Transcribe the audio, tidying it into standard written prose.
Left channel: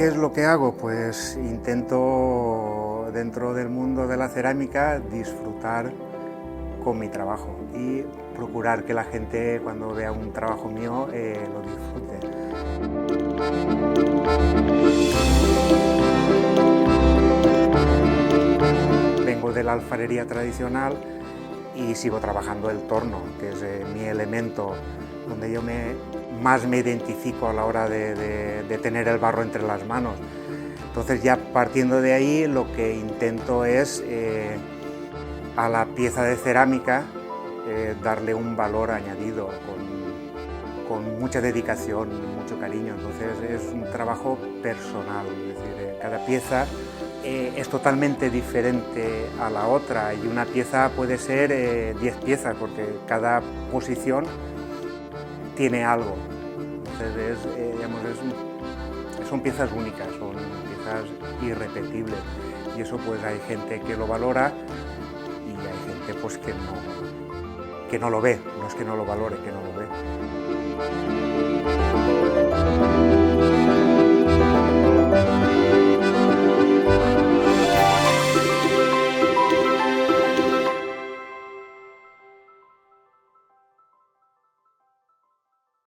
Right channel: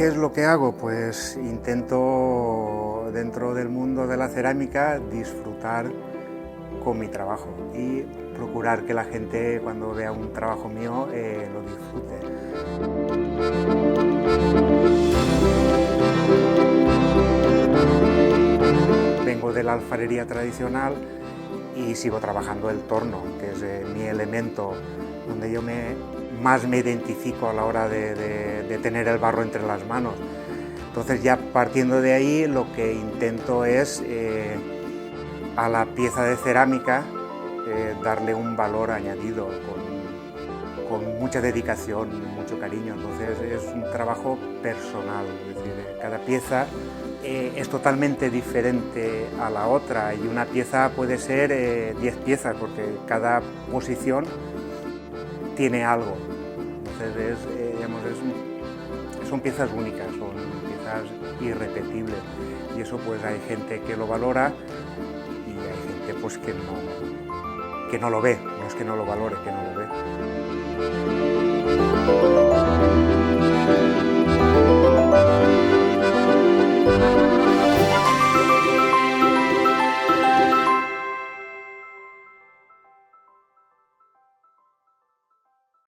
¿Qué es lo que hago? Pues intento, dentro del mundo de la cerámica, disfrutar con mi trabajo y procurar que la gente, cuando vea un trabajo mío, lo disfrute. Vengo de la alfarería tradicional y sigo trabajando el torno, que es mi elemento donde yo más me identifico a la hora de tener el barro entre las manos. Entonces, ya partiendo de ahí, lo que intento es a la pieza de cerámica darle un valor añadido con mucha dedicación, mucho cariño. Entonces es un trabajo personal, es decir, cada pieza es totalmente diferente a la otra y una pieza puede ser 10 piezas porque cada posición tiene algo. Entonces son piezas únicas, son piezas irrepetibles y eso pues hay gente que lo valora y hay gente pues que no lo ve, no es que no lo valore, que no lo ve.